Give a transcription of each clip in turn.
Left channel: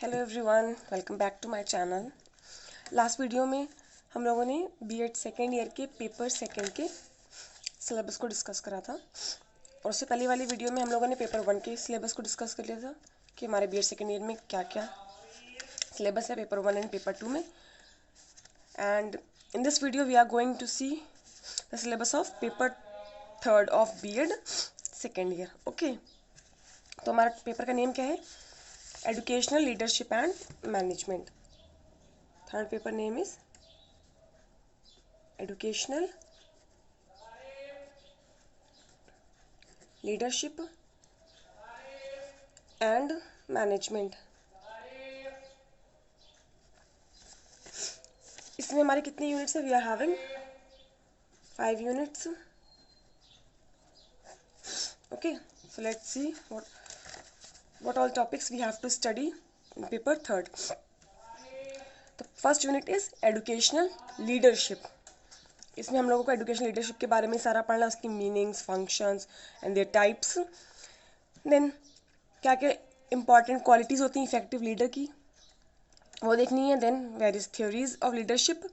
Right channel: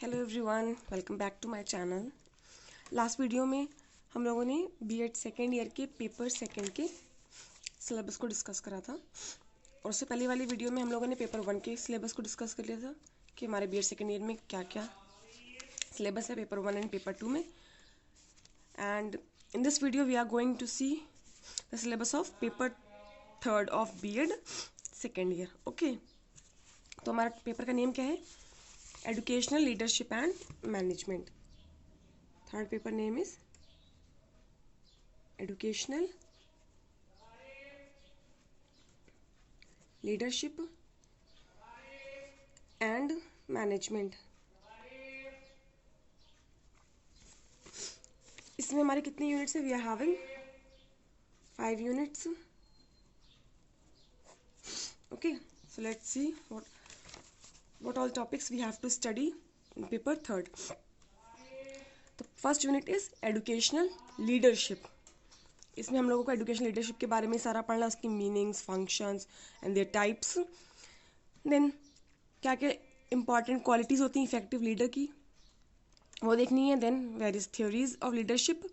Hello everyone, welcome back to my channel. Last video में हम लोगों ने बीएड सेकेंड ईयर के पेपर सेकेंड के सिलेबस को डिस्कस करा था और उससे पहले वाली वीडियो में हम लोगों ने पेपर वन के सिलेबस को डिस्कस कर लिया था कि हमारे बीएड सेकेंड ईयर में क्या क्या सिलेबस है paper one and paper two में। And in this video we are going to see the syllabus of paper third of BEd second year. Okay, तो हमारा पेपर का नेम क्या है? Educational Leadership and Management. Third paper name is Educational Leadership and Management. इसमें हमारे कितने units है? We are having 5 units. Okay, so let's see what all topics we have to study in paper third. The first unit is educational leadership. इसमें हम लोगों को educational leadership के बारे में सारा पढ़ना, उसकी meanings, functions and their types. Then क्या क्या important qualities होती हैं effective leader की, वो देखनी है. Then various theories of leadership.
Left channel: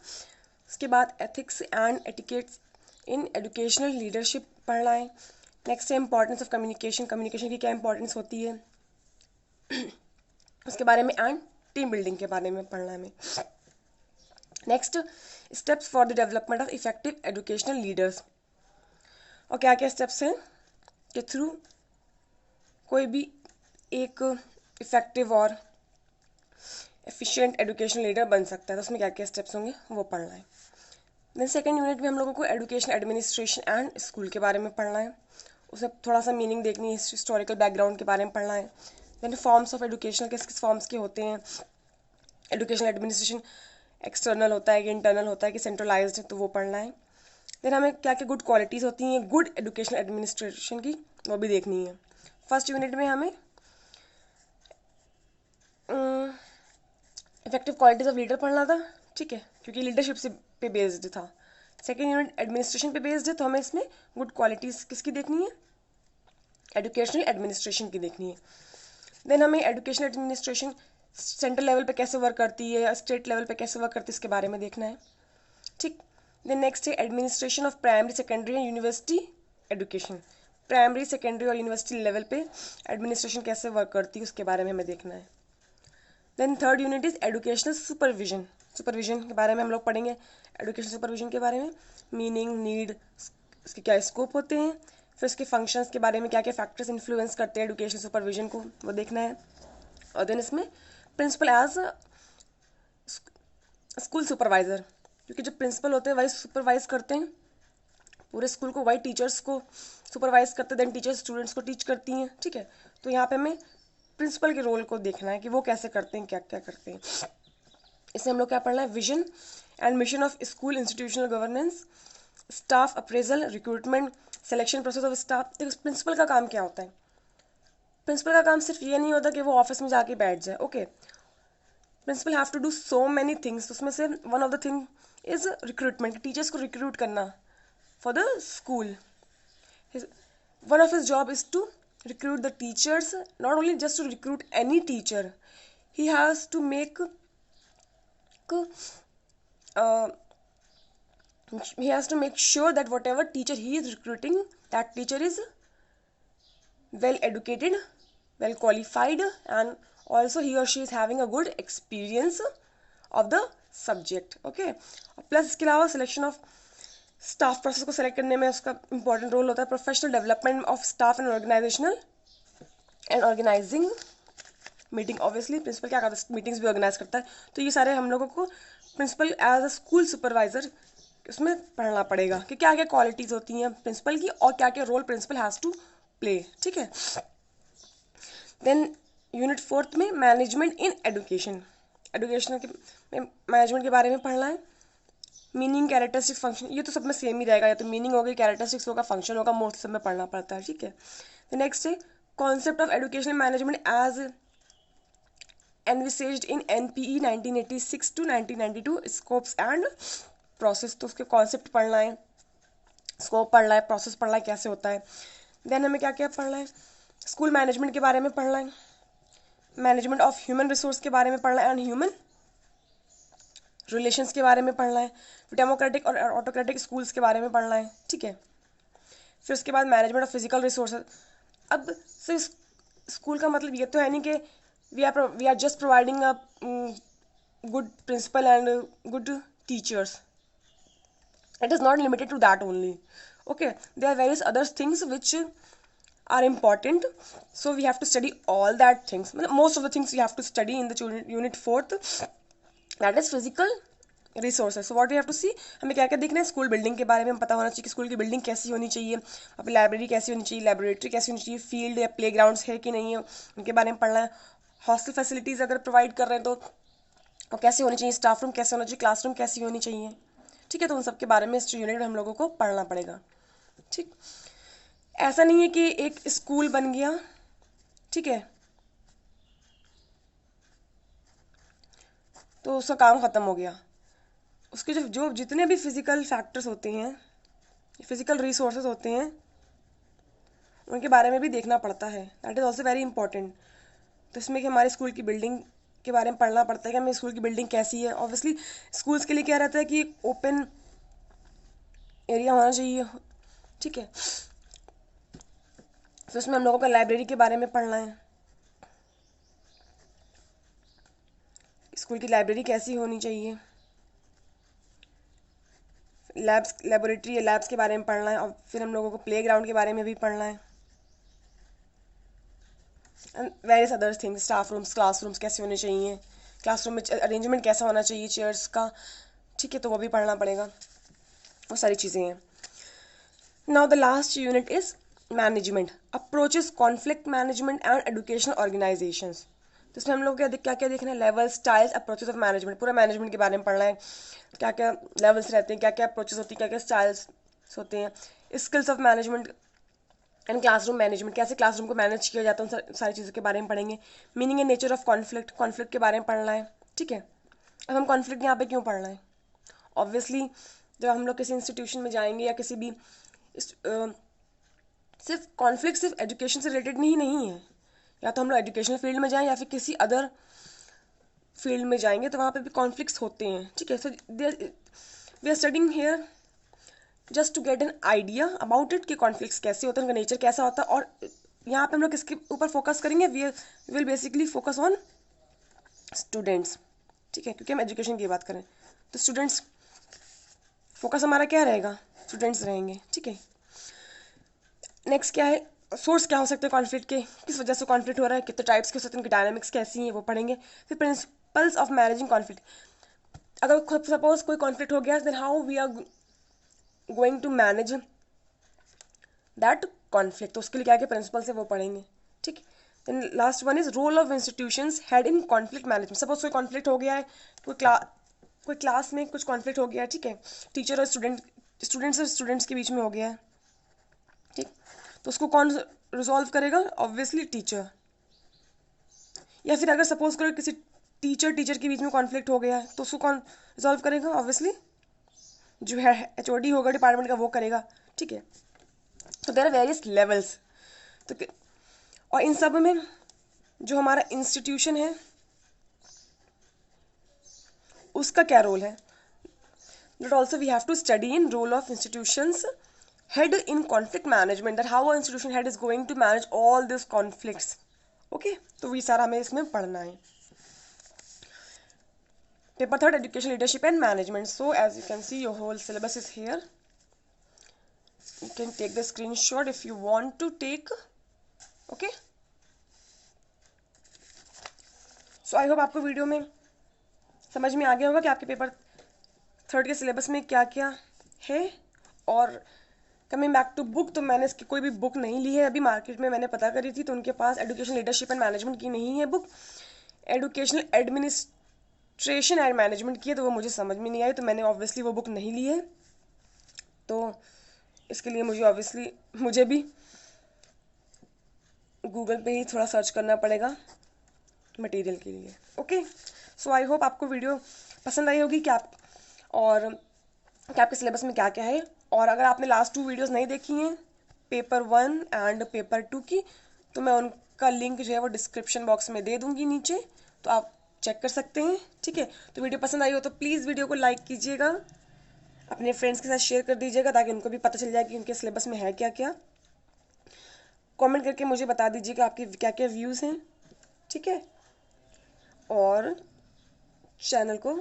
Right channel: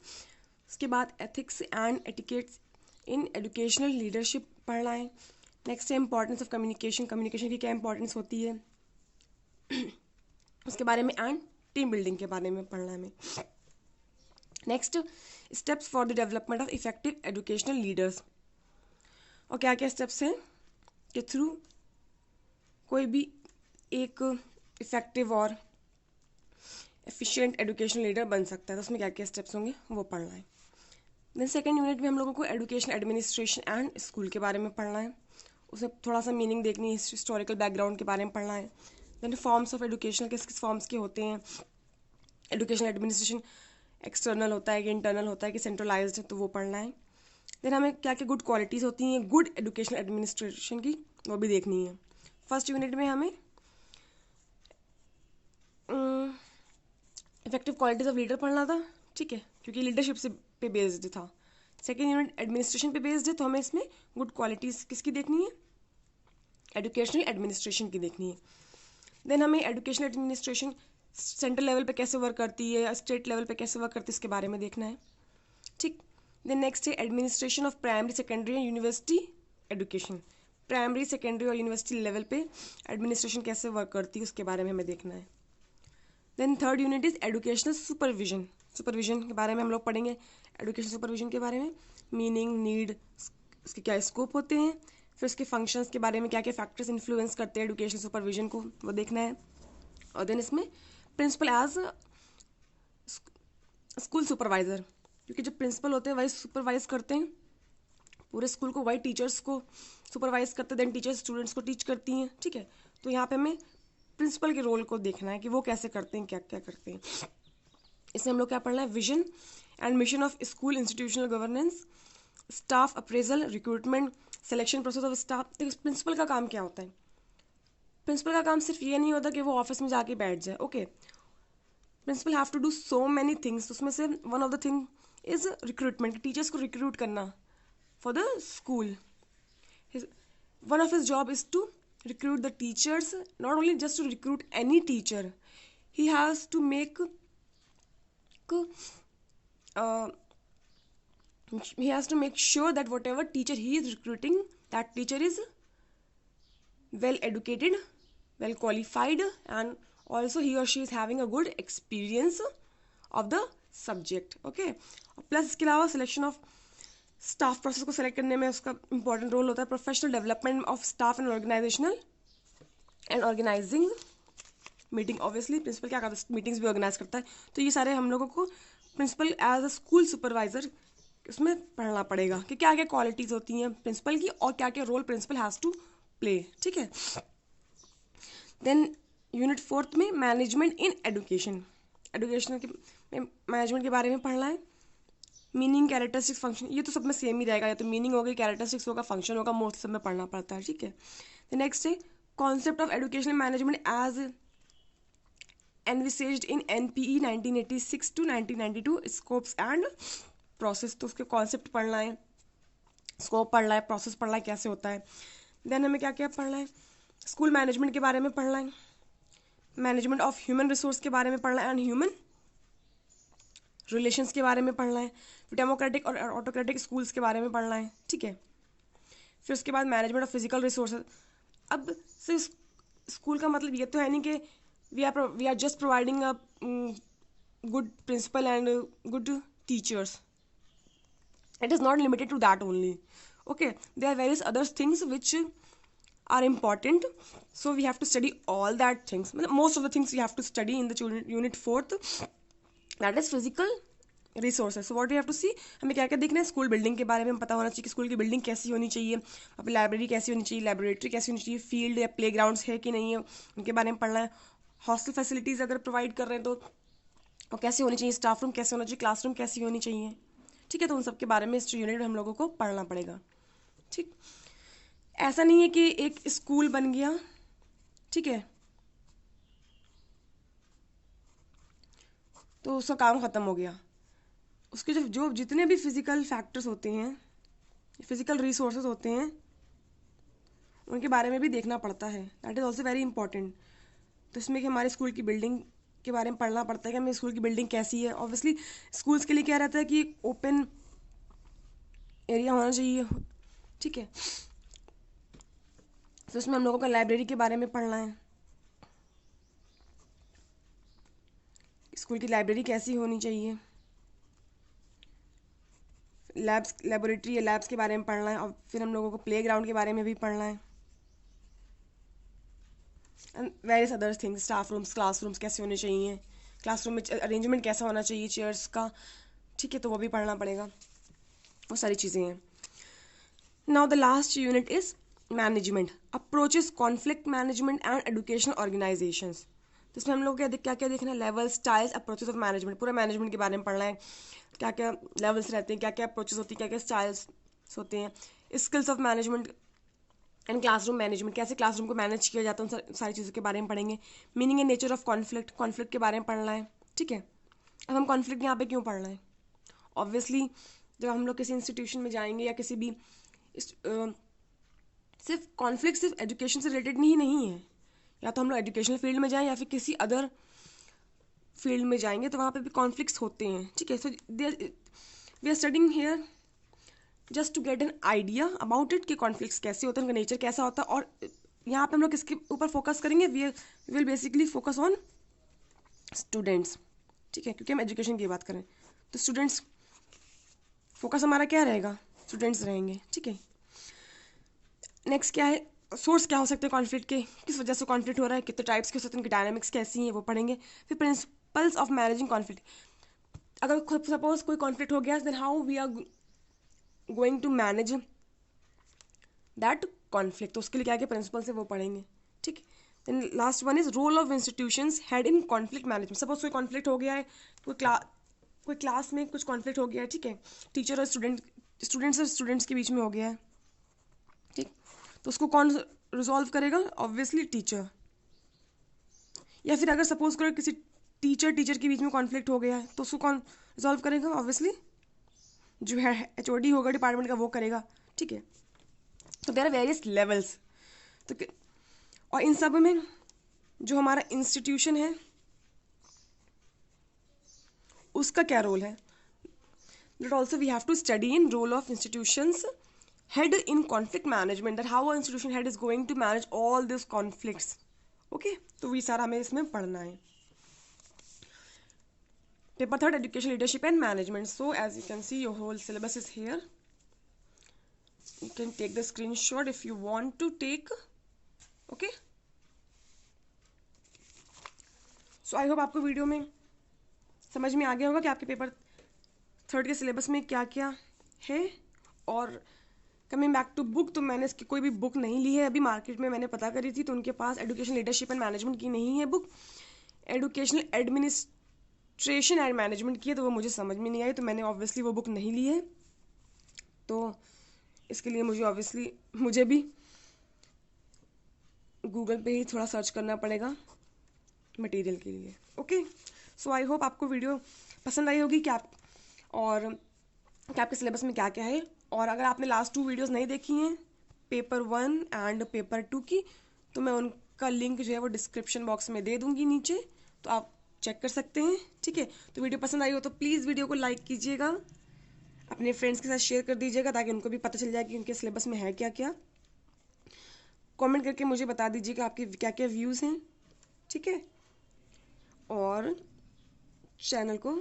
उसके बाद ethics and etiquette in educational leadership पढ़ना है. नेक्स्ट है इंपॉर्टेंस ऑफ कम्युनिकेशन. कम्युनिकेशन की क्या इंपॉर्टेंस होती है उसके बारे में, एंड टीम बिल्डिंग के बारे में पढ़ना है हमें. Next, steps for the development of effective educational leaders. और क्या क्या स्टेप्स हैं के थ्रू कोई भी एक इफेक्टिव और एफिशिएंट एजुकेशनल लीडर बन सकता है. तो उसमें क्या क्या स्टेप्स होंगे वो पढ़ना है. देन सेकेंड यूनिट में हम लोगों को एजुकेशन एडमिनिस्ट्रेशन एंड स्कूल के बारे में पढ़ना है. उसे थोड़ा सा मीनिंग देखनी है, हिस्टोरिकल बैकग्राउंड के बारे में पढ़ना है. देन फॉर्म्स ऑफ एजुकेशन, किस किस फॉर्म्स के होते हैं. एजुकेशन एडमिनिस्ट्रेशन एक्सटर्नल होता है कि इंटरनल होता है कि सेंट्रलाइज्ड है, तो वो पढ़ना है. देन हमें क्या क्या गुड क्वालिटीज़ होती हैं गुड एजुकेशन एडमिनिस्ट्रेशन की, वो भी देखनी है. फर्स्ट यूनिट में हमें इफेक्टिव क्वालिटीज़ ऑफ लीडर पढ़ना था, ठीक है, क्योंकि लीडरशिप से पे बेस्ड था. सेकेंड यूनिट एडमिनिस्ट्रेशन पे बेस्ड है, तो हमें इसमें गुड क्वालिटीज़ किसकी देखनी है? एजुकेशनल एडमिनिस्ट्रेशन की देखनी है. देन हमें एजुकेशनल एडमिनिस्ट्रेशन सेंट्रल लेवल पे कैसे वर्क करती है या स्टेट लेवल पे कैसे वर्क करती है इसके बारे में देखना है, ठीक. देन नेक्स्ट है administration of primary secondary and university education. Primary secondary और यूनिवर्सिटी लेवल पे एडमिनिस्ट्रेशन कैसे वर्क करती है उसके बारे में हमें देखना है. Then third unit is educational supervision. Supervision के बारे में हम लोग पढ़ेंगे. एजुकेशन सुपरविजन के बारे में मीनिंग, नीड, उसके क्या स्कोप होते हैं, फिर उसके फंक्शंस के बारे में क्या क्या फैक्टर्स इन्फ्लुएंस करते हैं एजुकेशन सुपरविजन को, वो देखना है. और देन इसमें प्रिंसिपल एज स्कूल सुपरवाइजर, क्योंकि जो प्रिंसिपल होते हैं वही सुपरवाइज करते हैं पूरे स्कूल को, वही टीचर्स को सुपरवाइज करते हैं. देन टीचर्स स्टूडेंट्स को टीच करती हैं, ठीक है. तो यहाँ पे हमें प्रिंसिपल के रोल को देखना है कि वो कैसे करते हैं, क्या क्या करते हैं. इसमें हम लोग क्या पढ़ना है? Vision and mission of school institutional governance, staff appraisal, recruitment, selection process of staff. Principal का काम क्या होता है? प्रिंसिपल का काम सिर्फ ये नहीं होता कि वो ऑफिस में जाके बैठ जाए. Okay, principal have to do so many things. उसमें से one of the thing is recruitment, teachers को रिक्रूट करना for the school. One of his job is to recruit the teachers, not only just to recruit any teacher, he has to make sure that whatever teacher he is recruiting, that teacher is well educated, well qualified, and also he or she is having a good experience of the subject. Okay, plus इसके अलावा selection of staff process को select करने में उसका important role होता है. Professional development of staff and organizational and organizing meeting. Obviously principal क्या करता है? मीटिंग्स भी ऑर्गेनाइज करता है. तो ये सारे हम लोगों को principal as a school supervisor उसमें पढ़ना पड़ेगा कि क्या क्या क्वालिटीज़ होती हैं प्रिंसिपल की और क्या क्या role principal has to play, ठीक है. देन यूनिट फोर्थ में मैनेजमेंट इन एजुकेशन. एजुकेशन के मैनेजमेंट के बारे में पढ़ना है. मीनिंग, कैरेक्टरिस्टिक्स, फंक्शन, ये तो सब में सेम ही रहेगा, या तो मीनिंग होगी, कैरेक्टरिस्टिक्स होगा, फंक्शन होगा, मोस्ट सब में पढ़ना पड़ता है, ठीक है. नेक्स्ट है concept of educational management as envisaged in NPE 1986 to 1992, scopes and process. तो उसके कॉन्सेप्ट पढ़ना है, स्कोप पढ़ना है, प्रोसेस पढ़ना है, कैसे होता है. देन हमें क्या क्या पढ़ना है? स्कूल मैनेजमेंट के बारे में पढ़ना है. मैनेजमेंट ऑफ ह्यूमन रिसोर्स के बारे में पढ़ना है एंड ह्यूमन रिलेशंस के बारे में पढ़ना है, फिर डेमोक्रेटिक और ऑटोक्रेटिक स्कूल्स के बारे में पढ़ना है, ठीक है। फिर उसके बाद मैनेजमेंट ऑफ फिजिकल रिसोर्सेज। अब सिर्फ स्कूल का मतलब ये तो है नहीं कि we are just providing a good principal and good teachers. It is not limited to that only. Okay, there are various other things which are important, so we have to study all that things. Most of the things we have to study in the unit 4th, that is physical resources. So what we have to see, हमें क्या क्या देखना है, school building के बारे में पता होना चाहिए कि स्कूल की बिल्डिंग कैसी होनी चाहिए, वहाँ पे लाइब्रेरी कैसी होनी चाहिए, लेबोरेटरी कैसी होनी चाहिए, फील्ड या प्ले ग्राउंड्स है कि नहीं है उनके बारे में पढ़ना है, हॉस्टल फैसिलिटीज़ अगर प्रोवाइड कर रहे हैं तो वो कैसे होनी चाहिए, स्टाफ रूम कैसे होना चाहिए, क्लासरूम कैसी होनी चाहिए, ठीक है। तो उन सब के बारे में इस यूनिट में हम लोगों को पढ़ना पड़ेगा, ठीक। ऐसा नहीं है कि एक स्कूल बन गया, ठीक है, तो उसका काम ख़त्म हो गया। उसके जो जितने भी फिजिकल फैक्टर्स होते हैं, फिजिकल रिसोर्सेज होते हैं, उनके बारे में भी देखना पड़ता है। That is also very important. तो इसमें कि हमारे स्कूल की बिल्डिंग के बारे में पढ़ना पड़ता है कि हमें स्कूल की बिल्डिंग कैसी है। ऑब्वियसली स्कूल्स के लिए क्या रहता है कि ओपन एरिया होना चाहिए, ठीक है। तो इसमें हम लोगों का लाइब्रेरी के बारे में पढ़ना है, स्कूल की लाइब्रेरी कैसी होनी चाहिए, लैब्स, लेबोरेटरी या लैब्स के बारे में पढ़ना है, और फिर हम लोगों को प्ले ग्राउंड के बारे में भी पढ़ना है, and various other things, staff rooms, classrooms कैसे होने चाहिए, क्लासरूम में अरेंजमेंट कैसा होना चाहिए चेयर्स का, ठीक है। तो वो भी पढ़ना पड़ेगा, वो सारी चीज़ें हैं। Now the last unit is management, approaches conflict management and educational organisations. तो इसमें हम लोग क्या क्या देखना है, level, styles, approaches of management, पूरा मैनेजमेंट के बारे में पढ़ना है, क्या क्या लेवल्स रहते हैं, क्या क्या अप्रोचेस होती है, क्या क्या स्टाइल्स होते हैं, skills of management and classroom management, कैसे क्लासरूम को मैनेज किया जाता है, उन सारी चीज़ों के बारे में पढ़ेंगे। Meaning and nature of conflict, conflict के बारे में पढ़ना है, ठीक है। अब हम कॉन्फ्लिक्ट यहाँ पे क्यों पढ़ना है, ऑब्वियसली जब हम लोग किसी इंस्टीट्यूशन में जाएंगे या किसी भी सिर्फ कॉन्फ्लिक्ट सिर्फ एजुकेशन से रिलेटेड नहीं है, या तो हम लोग एजुकेशनल फील्ड में जाएं या फिर किसी अदर फील्ड में जाएंगे तो वहाँ पे भी कॉन्फ्लिक्ट्स होते हैं, ठीक है। So we are studying here just to get an idea about it कि कॉन्फ्लिक्ट्स कैसे होते हैं, उनका नेचर कैसा होता है। और यहाँ पे हम लोग किसके ऊपर फोकस करेंगे, we will basically focus on students, ठीक है, क्योंकि हम एजुकेशन की बात करें तो स्टूडेंट्स फोकस हमारा क्या रहेगा, स्टूडेंट्स रहेंगे, ठीक है। नेक्स्ट क्या है, सोर्स क्या हो सकते हैं कॉन्फ्लिक्ट के, किस वजह से कॉन्फ्लिक्ट हो रहा है, कितने टाइप्स के हो सकते हैं, उनकी डायनामिक्स कैसी हैं, वो पढ़ेंगे। फिर प्रिंसिपल्स ऑफ मैनेजिंग कॉन्फ्लिक्ट, अगर सपोज कोई कॉन्फ्लिक्ट हो गया then how we are going to manage that conflict, तो उसके लिए क्या क्या प्रिंसिपल्स है वो पढ़ेंगे, ठीक। Then last one is role of institutions head in conflict management. Suppose कोई कॉन्फ्लिक्ट हो गया है, कोई क्लास में कुछ कॉन्फ्लिक्ट हो गया है, ठीक है, टीचर और स्टूडेंट्स और स्टूडेंट्स के बीच में हो गया है, ठीक, तो उसको कौन रिजॉल्व करेगा, ऑब्वियसली टीचर। या फिर अगर सपोज करो किसी टीचर के बीच में कॉन्फ्लिक्ट हो गया है तो उसको कौन रिजॉल्व करेगा, ऑब्वियसली जो है HOD होगा डिपार्टमेंट का वो करेगा, ठीक है। तो देयर आर वेरियस लेवल्स, तो और इन सब में जो हमारा इंस्टीट्यूशन है उसका क्या रोल है, that also we have to study in role of institutions head in conflict management, that how an institution head is going to manage all these conflicts, okay। तो ये सारा हमें इसमें पढ़ना है। Paper 3 education leadership and management, so as you can see your whole syllabus is here, you can take the screenshot if you want to take, okay। so I hope आपको video में समझ में आ गया होगा कि आपके पेपर 3 के syllabus में क्या क्या है। और कमिंग बैक टू बुक, तो मैंने इसकी कोई भी बुक नहीं ली है अभी, मार्केट में मैंने पता करी थी तो उनके पास एजुकेशन लीडरशिप एंड मैनेजमेंट की नहीं है book, educational administration and management की है, तो वो मुझे समझ में नहीं आई, तो मैंने ऑब्वियसली वो बुक नहीं ली है। तो इसके लिए मुझे भी गूगल पे ही थोड़ा सर्च करना पड़ेगा मटेरियल के लिए, ओके। सो आई होप आपको वीडियो पसंद आई होगी क्या, और क्या आपके सिलेबस में क्या क्या है। और अगर आपने लास्ट 2 वीडियोस नहीं देखी हैं पेपर 1 एंड पेपर 2 की, तो मैं का लिंक जो है वो डिस्क्रिप्शन बॉक्स में दे दूंगी नीचे, तो आप चेक कर सकते हैं। ठीक है, तो वीडियो पसंद आई हो तो प्लीज़ वीडियो को लाइक कीजिएगा, अपने फ्रेंड्स के साथ शेयर कर दीजिएगा ताकि उनको भी पता चल जाए कि उनके सिलेबस में है क्या क्या। कमेंट करके मुझे बता दीजिएगा आपके क्या क्या व्यूज़ हैं। ठीक है, और चैनल को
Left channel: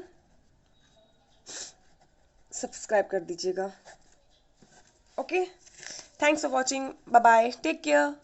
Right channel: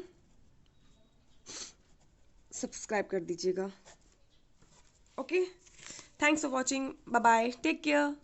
सब्सक्राइब कर दीजिएगा। Okay, thanks for watching, bye bye, take care.